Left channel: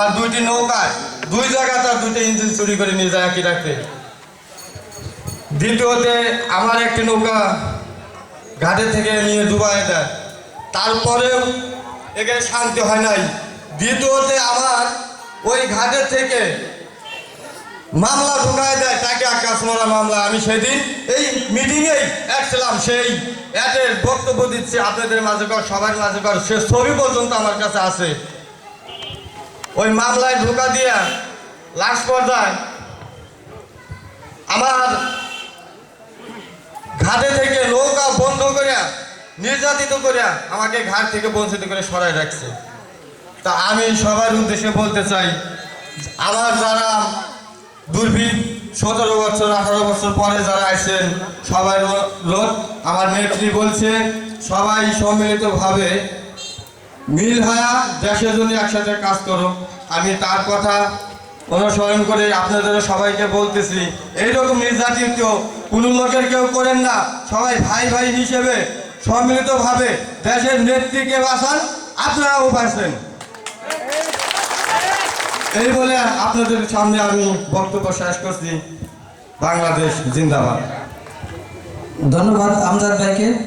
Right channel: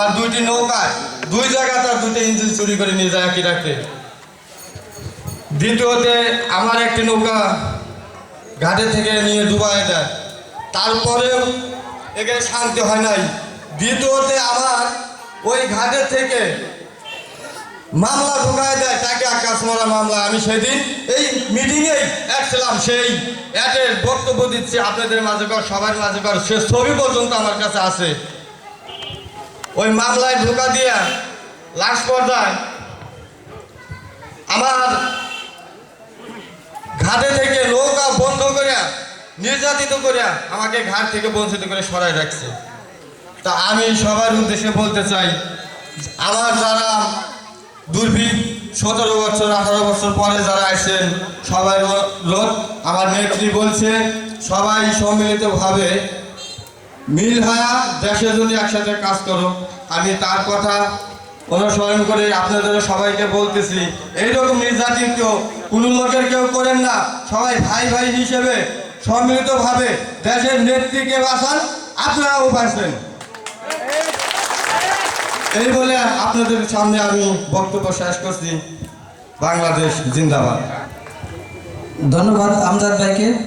আর দুইটি নৌকায় দুই জায়গা তার দুইটা ইঞ্জিন চুরি করে নিয়ে যায় একই রাখতে। দ্বিতীয়তে আমার একটি নৌকা ঘাটে থেকে নিয়ে ডুবাই দেয়, তারপরেও এখানে শান্তি হয় নাই। দ্বিতীয়তে আমার ওই ঘাটের থেকে মামলা ঢুকায় দেয়, তাকে আকাশ মারা মামলা। আমি সেদিন এই মিটিংয়েই ছিলাম, সেই অ্যাডের বক্তব্য দিচ্ছি আপনাদের মাঝে কর, সবার মাঝে কর, সে ছবি পর্যন্ত আমার কাছে আছে। ওই মামলায় ঢোকা দিয়া লাস্ট পর্যায়ে আমার ঘাটে থেকে নৌকা বন্ধ করে নির্যাতিত করে আমাকে ঘাট থেকে বঞ্চিত করে সরাই রাখছে। তা আমি সবার উদ্দেশ্যে বলতে চাই, আমার যারা দুর্ভিক 17 বছর 18 বছর পরে যারা আছেন সবাই লোক, আমার নেত্রী বলছে সবাই সম্মিলিতভাবে মিল হয়ে দেশের জন্য একসাথে কাজ করো। আমি তার কথা অনুসরণ করে আপনাদের সবাইকে বলতেছি, এইরকম নির্যাতিত কোনো লোকের কেউ করেন না, সবাই ভাই ভাই হিসেবে সম্মিলিতভাবে দেশের নেত্রীকে বাঁচান, আপনারাও বাঁচবেন। এই বলে আপনাদের সামনে আমি বক্তব্য শেষ করছি। বাংলাদেশ জিন্দাবাদ। ধন্যবাদ আমজাদ ভাইকে।